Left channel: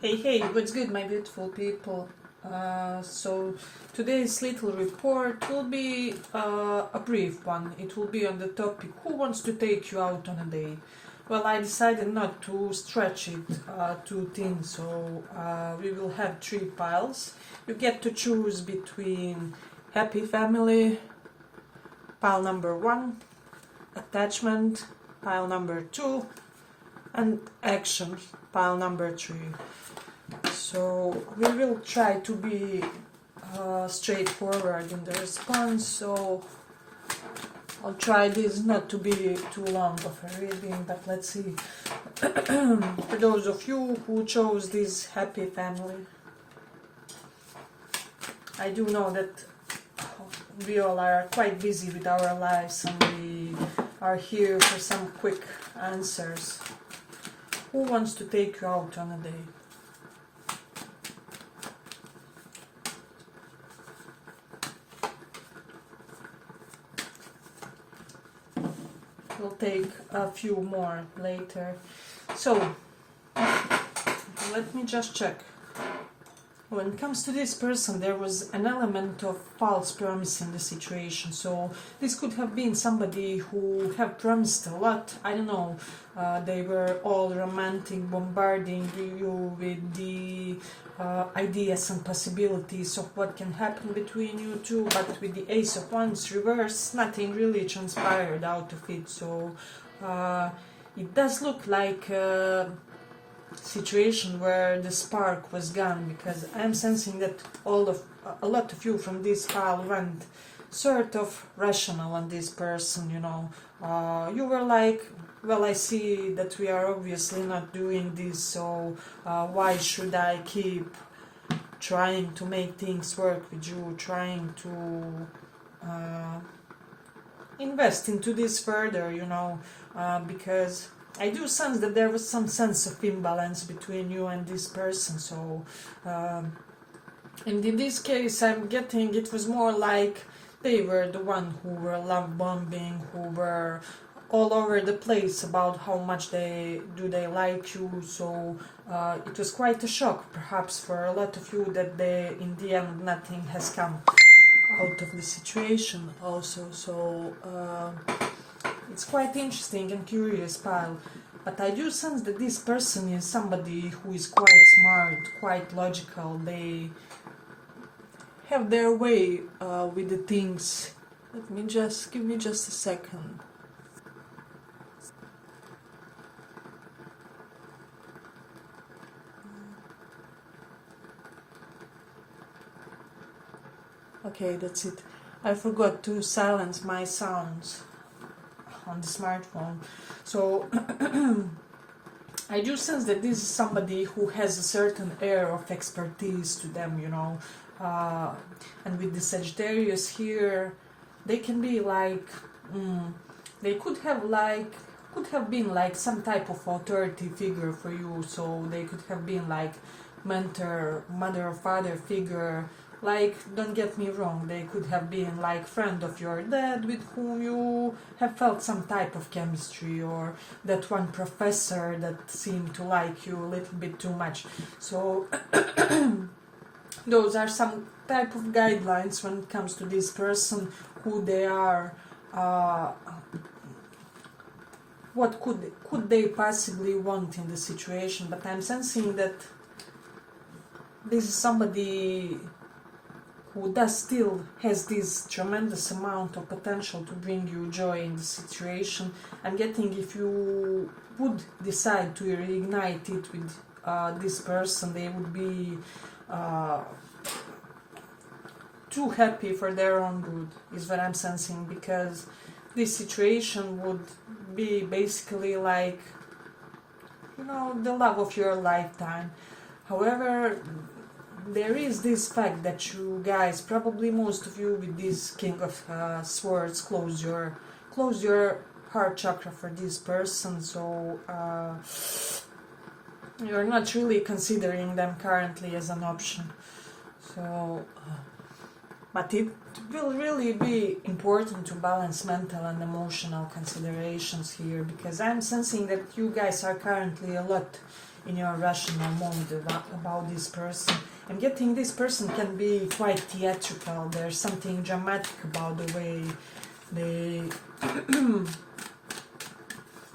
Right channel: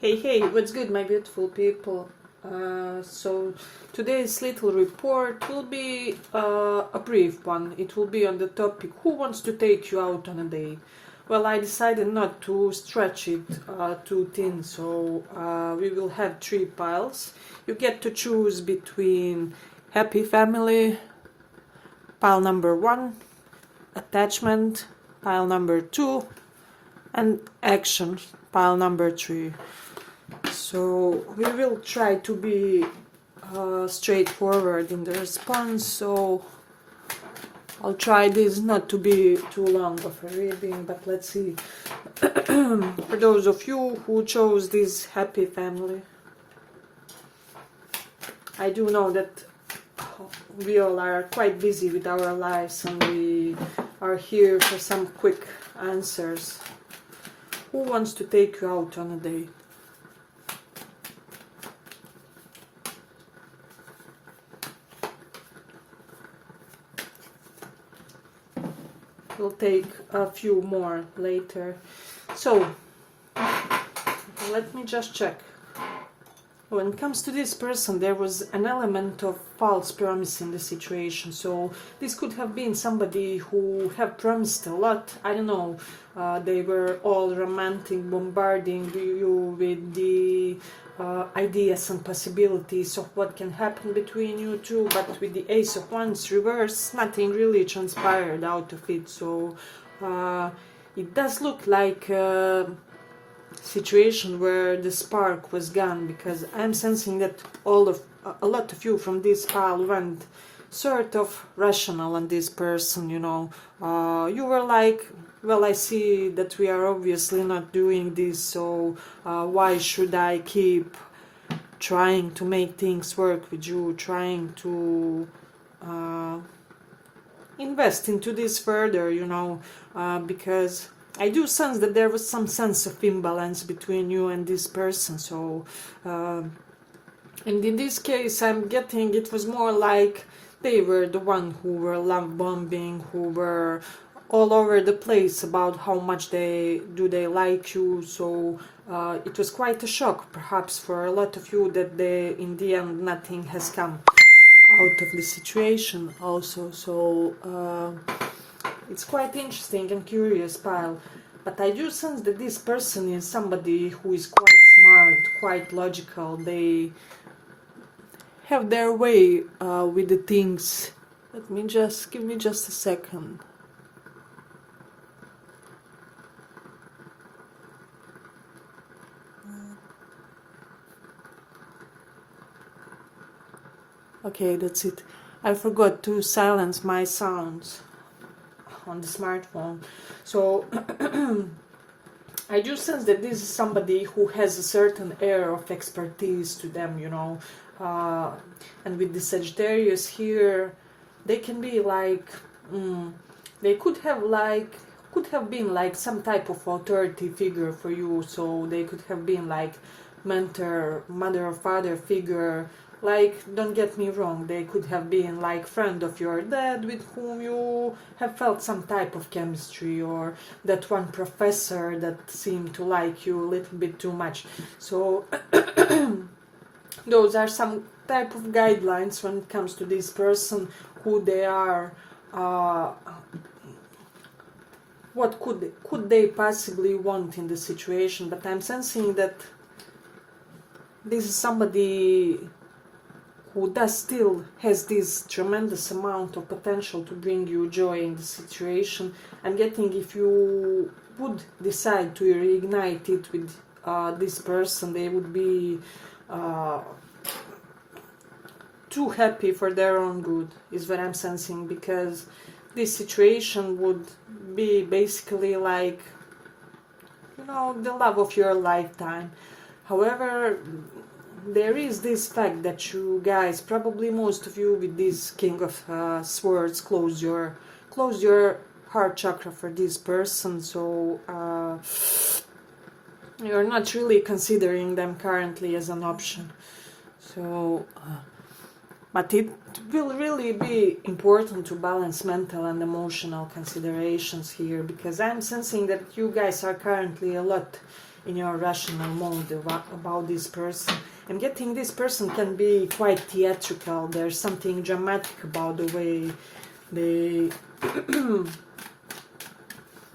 Hey, what's good, my beautiful people? So today's little report will be a brief one. It will be on the topic, who wants to take you out on a date? Well, I decided not to stretch it too thin, so we will have 3 piles. You get to choose between happy family, pile number 1, attachment, pile number 2, and action, pile number 3. So we will try to be straightforward in the response, so I'll try this not to be too long of a reading, but let's see. For those of you who chose this happy family, I do know that we all are quite busy with our lives and we are here for some quick answers. Who wants to take you out on a date? We'll take a few more later. So, let me just check. When it comes to this person, there was an element of false promise in the situation. So this could have been somebody who have promised a lot. I don't know. They were all romantic, bombarding you with the ideas and possibilities of what can happen between you two. But with the Ace of Wands reverse, nothing really transpired out of it. So it does look like situation where the spark was gone, because I'm sensing that a lot of you from this pile went sort of rational on this person, you know. You were like, well, I see that we are obviously not doing this, so why should I keep trying to make things work with you, trying to invest into this further, you know, because I do sense that there was some sense of imbalance between you and this person. So, and in this case, I'm getting it was more like they were the one who were love bombing, who were all over the place about how much they like you. So it was quite a shock, perhaps, for a lot of you that in the end nothing has come out of the situation. Also, so. It's quite interesting and curious pile, but I do sense that this person is somebody who is quite smart, quite logical. They have their way with the things. Give me just a second. Okay, that's it. I forgot to silence my sounds on the smartphone. So I do sense that this is somebody who has a certain air of expertise to them, you know. And with the Sagittarius here, they can be like, they could have been like some type of authority figure for you. So they could have been like mentor, mother or father figure. Like, don't get me wrong, they could have been like friend of your dad with whom you have felt some type of chemistry, or that one professor that seemed to like you a little bit too much. So those are some type of guidelines when it comes to this person, who they are, what could they possibly want in the situation. But I'm sensing that this is somebody who does still has this tremendous amount of potential to bring you joy in the situation. I'm getting, if you would decide to reignite it with this person, they would be too happy for their own good, is what I'm sensing, because this situation would be basically like, you know, the love of your lifetime. However, there is this fact that you guys, probably most of you with this King of Swords, close your heart chakra for this person. So you're not really considering them currently as an option. So, but it will really be important to balance mental and emotional considerations here, because I'm sensing that you guys are currently a lot in your rational mode about this person. I'm getting this person can be quite theatrical. There's something dramatic about the way they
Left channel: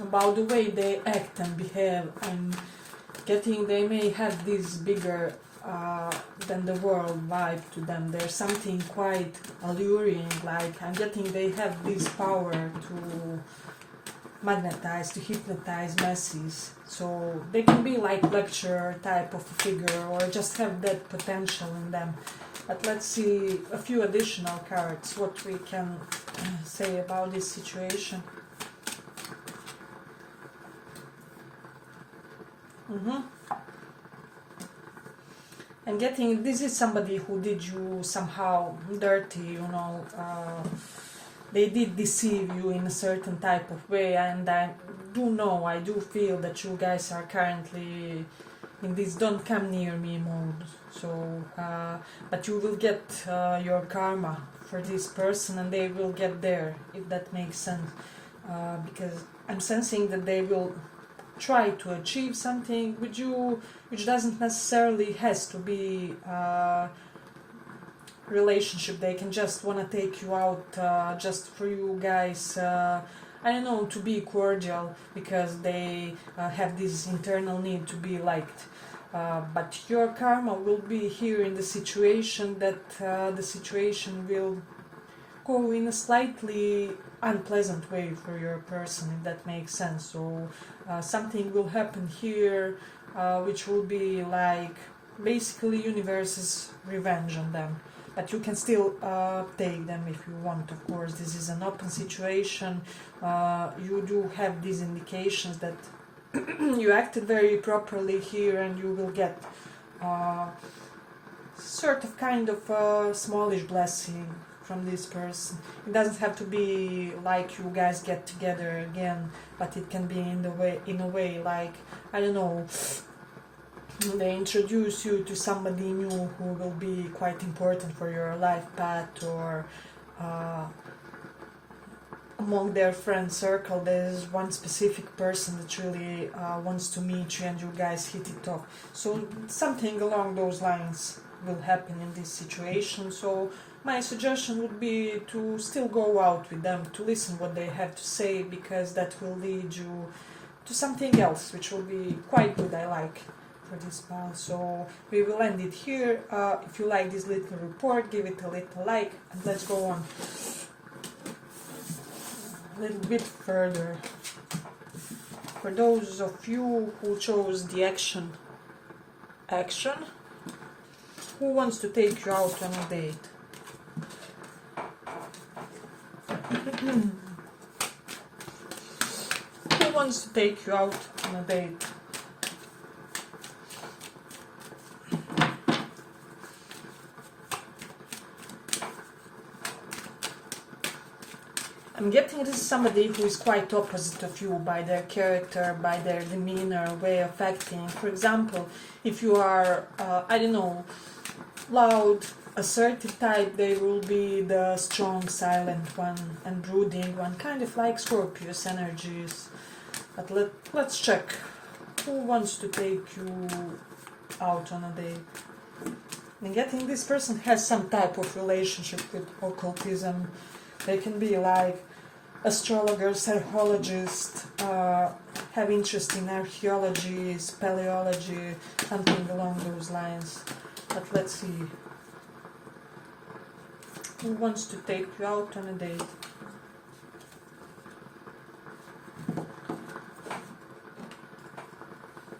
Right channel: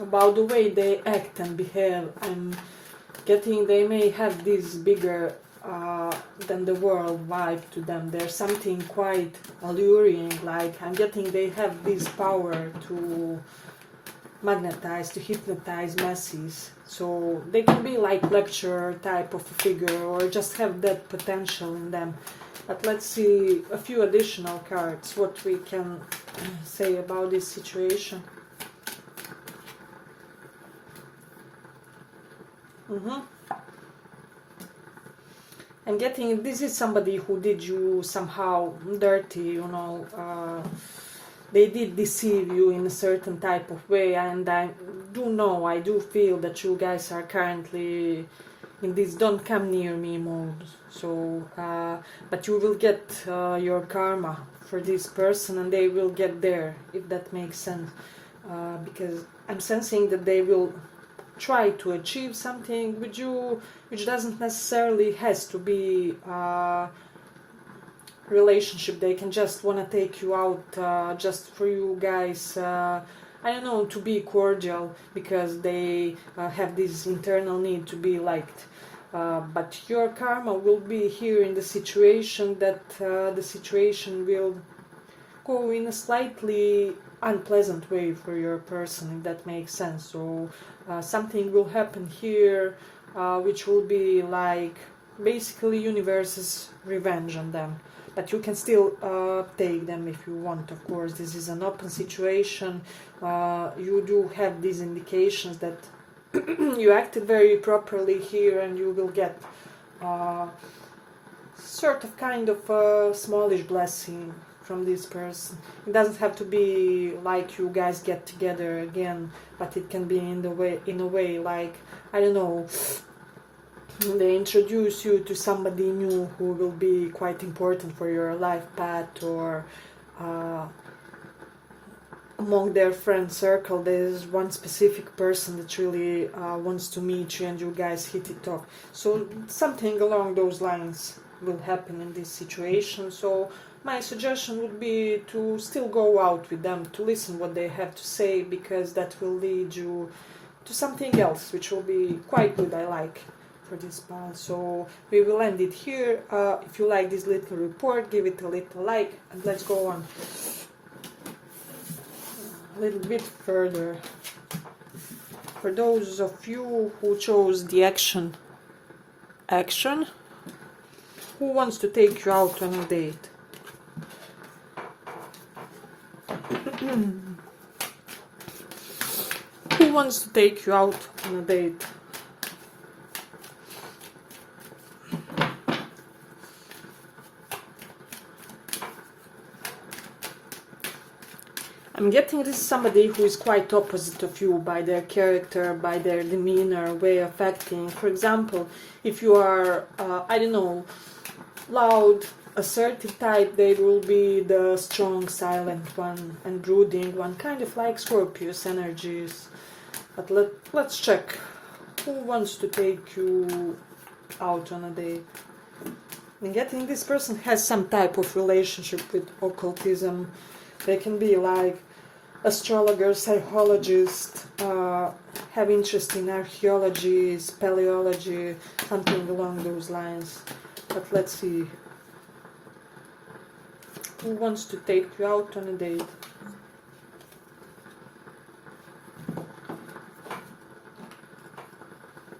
about the way they act and behave. I'm getting they may have this bigger than the world vibe to them. There's something quite alluring, like I'm getting they have this power to magnetize, to hypnotize masses. So they can be like lecturer type of figure or just have that potential in them. But let's see a few additional cards, what we can say about this situation. I'm getting this is somebody who did you somehow dirty, you know. They did deceive you in a certain type of way, and I do feel that you guys are currently in this don't come near me mode. So, but you will get your karma for this person, and they will get there, if that makes sense. Because I'm sensing that they will try to achieve something with you, which doesn't necessarily has to be relationship. They can just want to take you out just for you guys, I don't know, to be cordial, because they have this internal need to be liked. But your karma will be here in the situation that the situation will go in a slightly unpleasant way for your person, if that makes sense. So something will happen here which will be like basically universe's revenge on them. But you can still take them if you want, of course. This is an open situation. You do have these indications that you acted very properly here, and you will get sort of kind of a smallish blessing from this person. It doesn't have to be like you guys get together again, but it can be in a way like, I don't know, they introduce you to somebody new who will be quite important for your life path, or among their friend circle there's one specific person that really wants to meet you, and you guys hit it off. So something along those lines will happen in this situation. So my suggestion would be to still go out with them, to listen what they have to say, because that will lead you to something else, which will be quite good, I like, for this month. So we will end it here. If you like this little report, give it a little like, and let's go on a little bit further. For those of you who chose the action, who wants to take you out on a date? Who wants to take you out on a date? I'm getting this is somebody who is quite opposite of you by their character, by their demeanor, way of acting. For example, if you are, I don't know, loud, assertive type, they will be the strong, silent one and brooding one, kind of like Scorpius energies. But let's check. Who wants to take you out on a date? I'm getting this person has some type of relationship with occultism. They can be like astrologer, psychologist, have interest in archaeology, speleology, something along those lines. But let's see. Who wants to take you out on a date?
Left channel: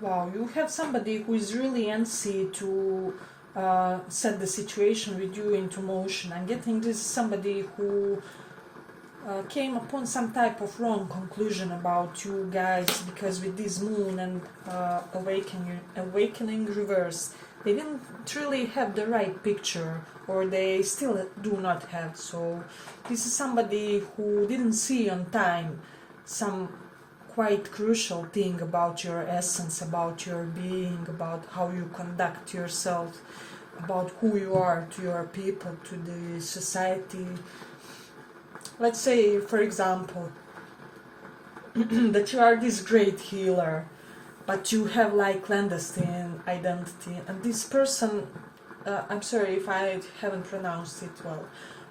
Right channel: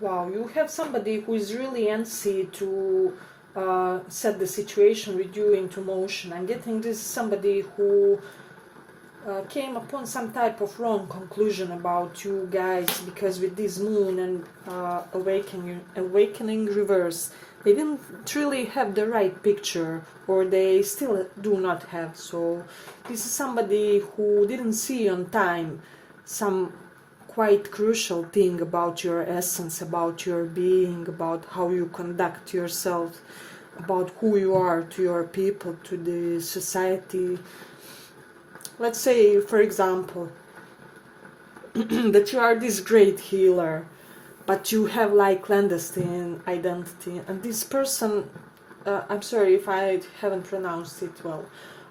Wow, you have somebody who is really antsy to set the situation with you into motion. I'm getting this somebody who came upon some type of wrong conclusion about you guys, because with this moon and awakening reverse, they didn't really have the right picture, or they still do not have. So this is somebody who didn't see on time some quite crucial thing about your essence, about your being, about how you conduct yourself, about who you are to your people, to the society. Let's say, for example, that you are this great healer, but you have like clandestine identity, and this person, I'm sorry if I haven't pronounced it well,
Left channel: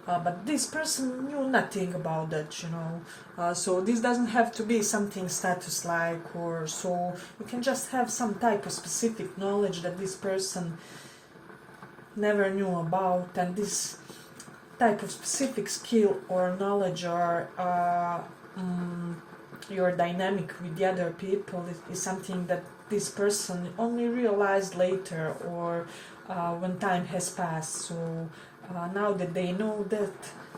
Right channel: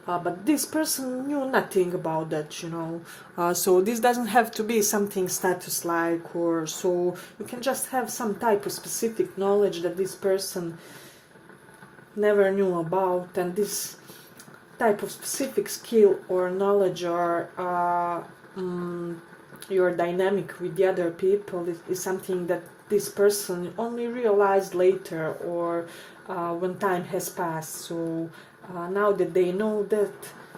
but this person knew nothing about that, you know. So this doesn't have to be something status-like, or so. You can just have some type of specific knowledge that this person never knew about, and this type of specific skill or knowledge or your dynamic with the other people is something that this person only realized later, or when time has passed. So now that they know that,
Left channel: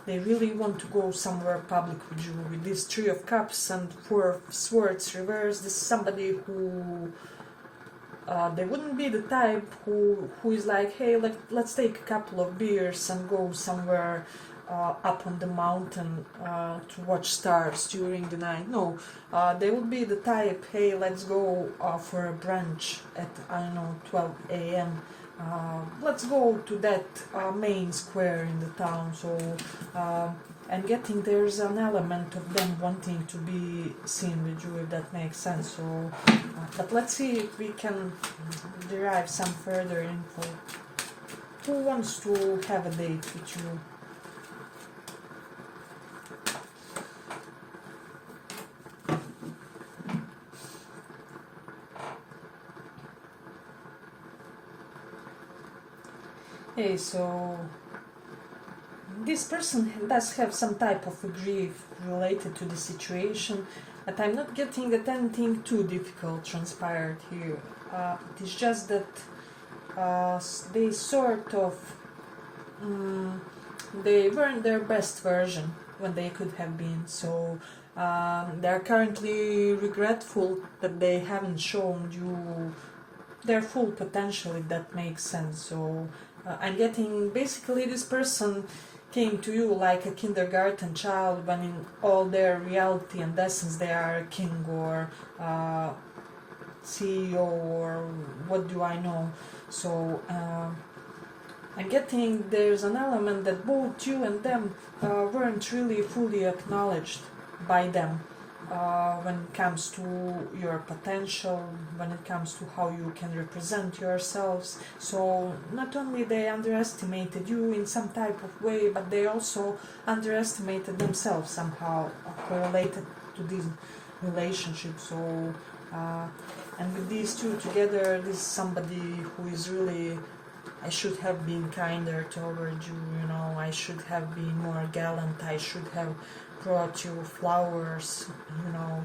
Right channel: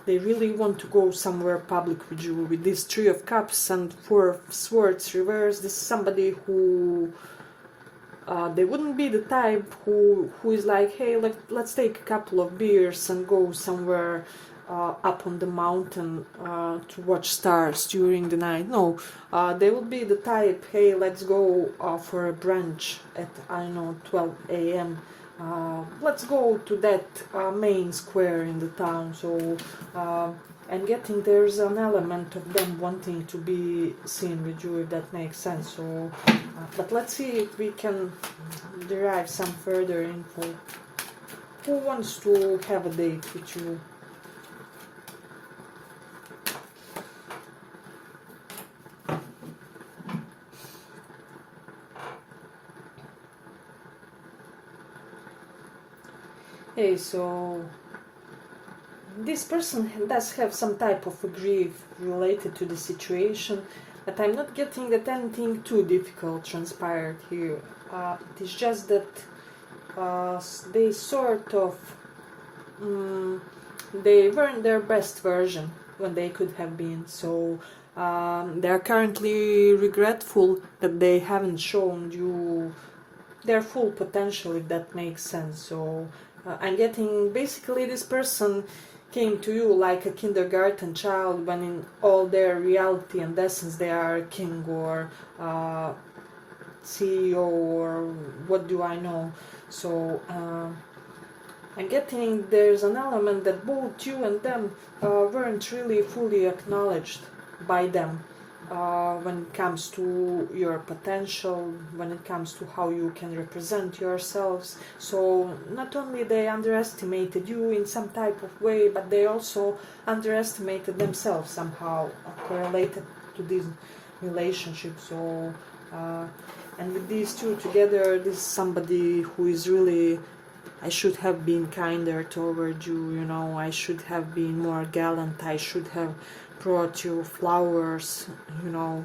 they really want to go somewhere public with you. With this Three of Cups and Four of Swords reversed, this is somebody who they wouldn't be the type who is like, hey, let's take a couple of beers and go somewhere up on the mountain to watch stars during the night. No, they would be the type, hey, let's go for a brunch at, I don't know, 12 a.m. Let's go to that main square in the town. So and getting there's an element of them wanting to be seen with you, if that makes sense. So but let's see if we can derive some further info. Who wants to have a date with you? Hey, so this person does have some type of a grief related to the situation, but I'm not getting that anything too difficult transpired here. It's just that they sort of they weren't their best version when they could have been. So they're currently regretful that they haven't shown you their full potential, if that makes sense. So I'm getting basically this person came to you like a kindergarten child, when in all their reality and essence they are a king or CEO or what do I know. So I'm getting there's an element that both you and them weren't really fully acknowledged by them when it comes to your potential, when it comes to how you can represent yourselves. So not only they underestimated you in some type of way, but they also underestimated themselves somehow correlated to this relationship. So and with these two together, this is somebody who is really, I should have been kinder toward you, you know, I should have been more gallant, I should have brought you flowers, you know,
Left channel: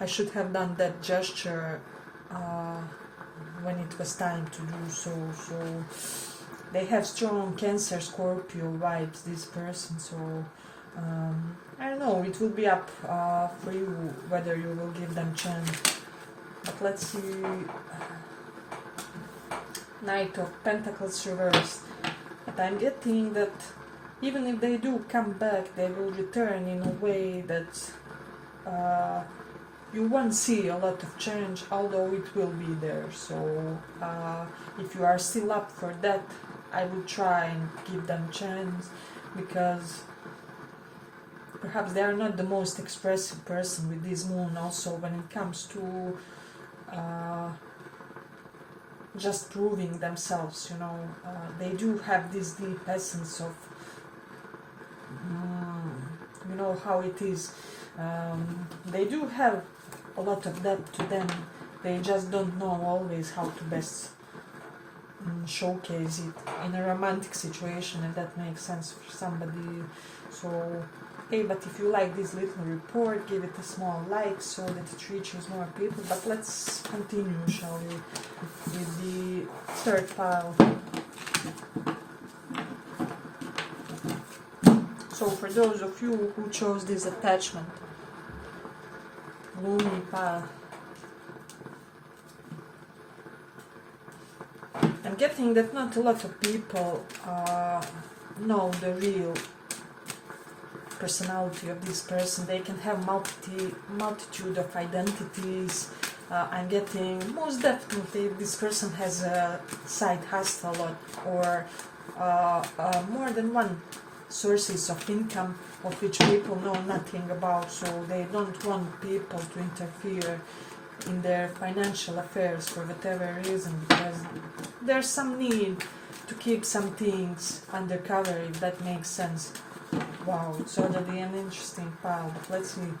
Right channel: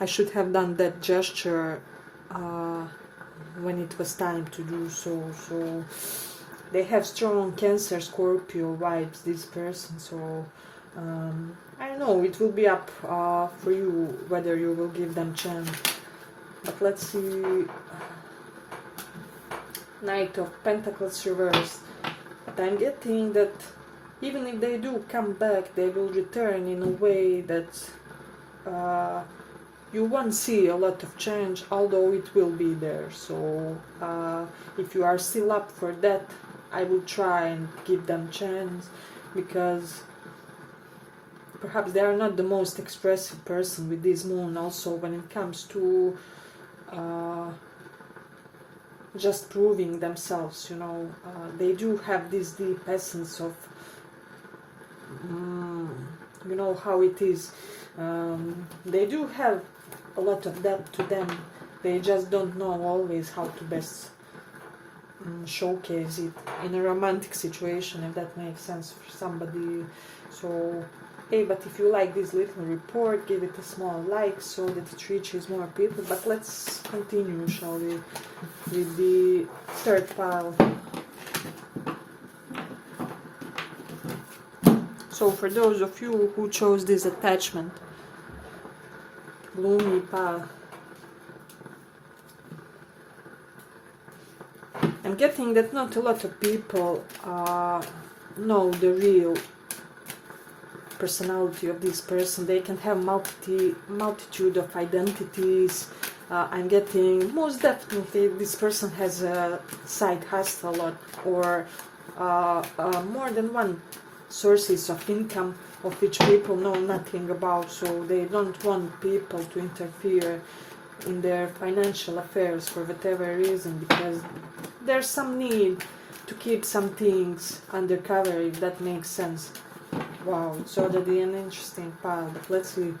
I should have done that gesture when it was time to do so. So they have strong Cancer Scorpio vibes, this person. So I don't know, it will be up for you whether you will give them chance. But let's see. Knight of Pentacles reversed. But I'm getting that even if they do come back, they will return in a way that you won't see a lot of change, although it will be there. So if you are still up for that, I will try and give them chance, because perhaps they are not the most expressive person with this moon. Also, when it comes to just proving themselves, you know, they do have this deep essence of you know how it is. They do have a lot of that to them. They just don't know always how to best showcase it in a romantic situation, if that makes sense for somebody. So hey, but if you like this little report, give it a small like so that it reaches more people. But let's continue, shall we, with the third pile. So for those of you who chose this attachment, gloomy pile, I'm getting that not a lot of people know the real personality of this person. They can have multitude of identities. I'm getting most definitely this person has a side hustle or more than one sources of income of which people know nothing about, so they don't want people to interfere in their financial affairs for whatever reason, because there's some need to keep some things under cover, if that makes sense. Wow, it's already an interesting pile, but let's see.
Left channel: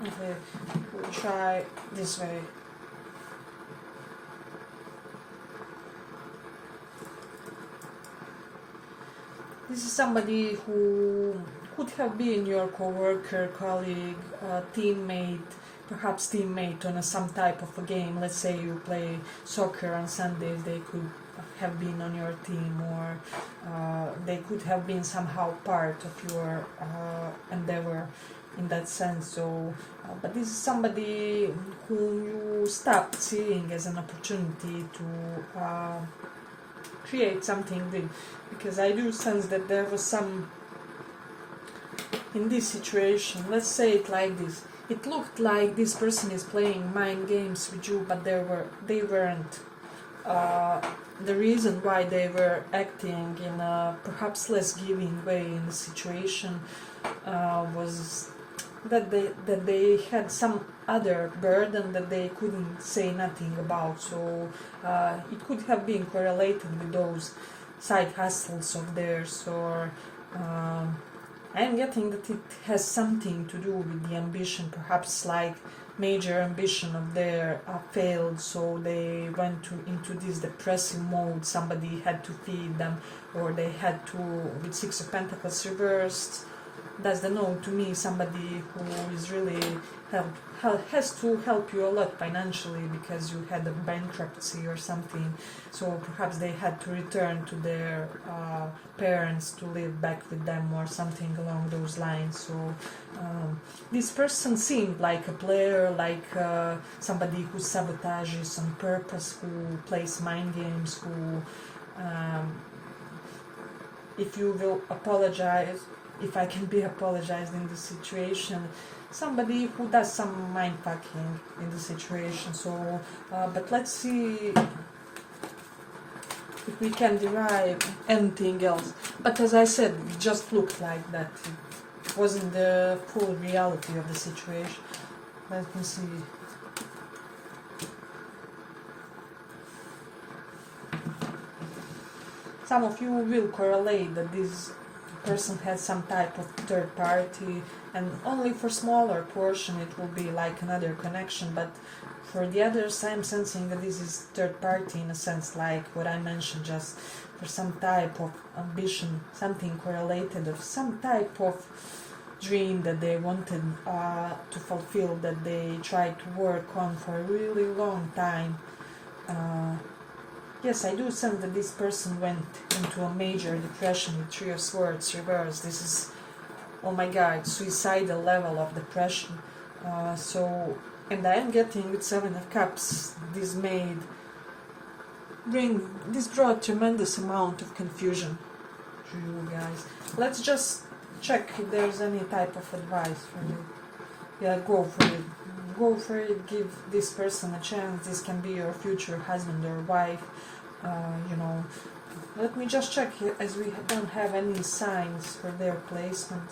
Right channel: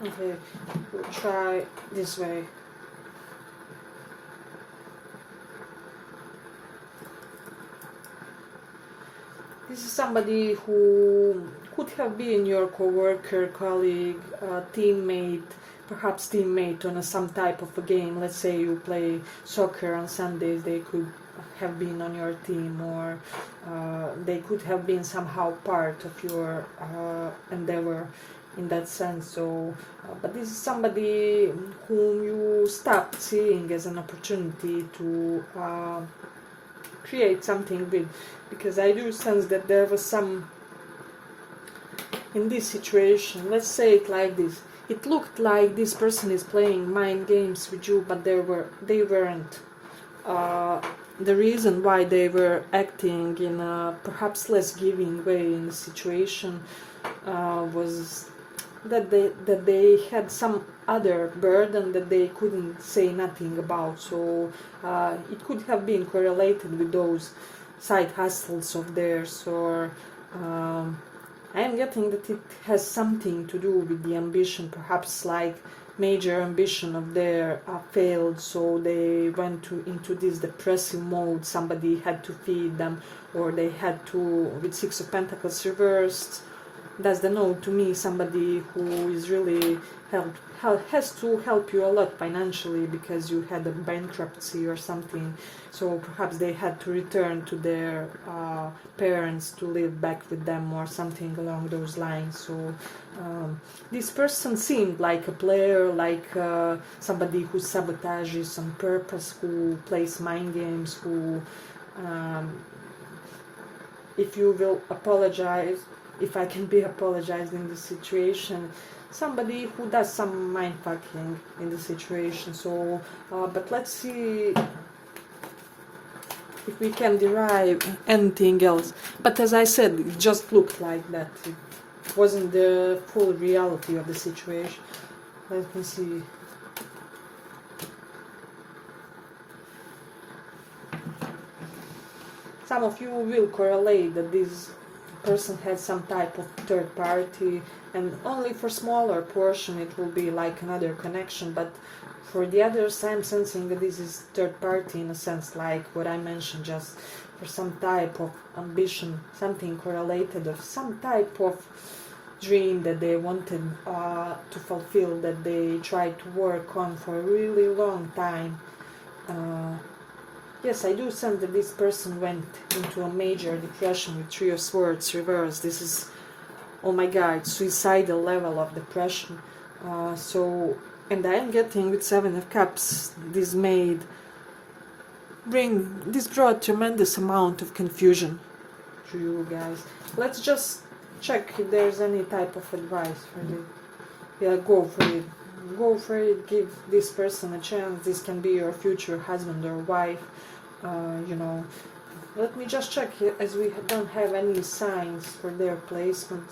Okay, we'll try this way. This is somebody who could have been your co-worker, colleague, teammate, perhaps teammate on some type of a game. Let's say you play soccer on Sundays, they could have been on your team, or they could have been somehow part of your endeavor in that sense. So, but this is somebody whom you stopped seeing as an opportunity to create something big, because I do sense that there was some in this situation. Let's say it like this: it looked like this person is playing mind games with you, but they weren't. The reason why they were acting in a perhaps less giving way in the situation was that they had some other burden that they couldn't say nothing about. So it could have been correlated with those side hustles of theirs, or I'm getting that it has something to do with the ambition, perhaps like major ambition of their failed, so they went into this depressive mode. Somebody had to feed them, or they had to, with Six of Pentacles reversed, that's the note to me, somebody who is really has to help you a lot financially because you had a bankruptcy or something. So perhaps they had to return to their parents to live back with them or something along those lines. So this person seemed like a player, like somebody who sabotages on purpose, who plays mind games, who, if you will apologize, if I can be apologized in this situation, somebody who does some mind fucking in the situation. So, but let's see if we can derive anything else. But as I said, it just looked like that. It wasn't the full reality of the situation. Let me see. Some of you will correlate that this person had some type of third party, and only for smaller portion it will be like another connection, but for the others I'm sensing that this is third party in a sense, like what I mentioned, just for some type of ambition, something correlated of some type of dream that they wanted to fulfill, that they tried to work on for a really long time. Yes, I do sense that this person went into a major depression with Three of Swords reversed. This is, oh my god, suicidal level of depression. And I'm getting with Seven of Cups, this brought tremendous amount of confusion to you guys. Let's just check if there's any type of advice for you. Yeah, go for it. Go for it, give this person a chance. This can be your future husband or wife. Let me just check here, as we don't have any signs for their placement.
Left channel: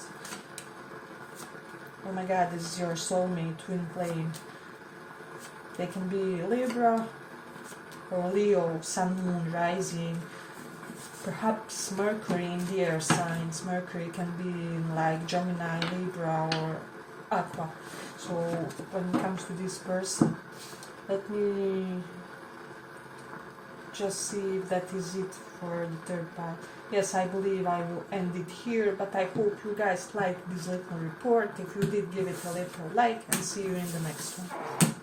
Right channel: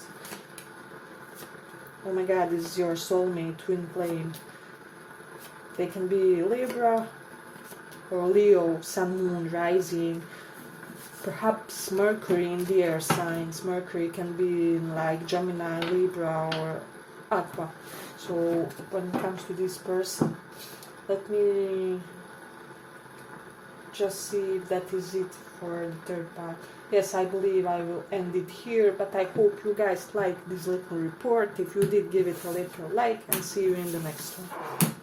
Oh my god, this is your soulmate, twin flame. They can be Libra or Leo, Sun, Moon, Rising. Perhaps Mercury in the air signs. Mercury can be in like Gemini, Libra, or Aqua. So when it comes to this person, let me just see if that is it for the third part. Yes, I believe I will end it here, but I hope you guys liked this little report. If you did, give it a little like, and see you in the next one.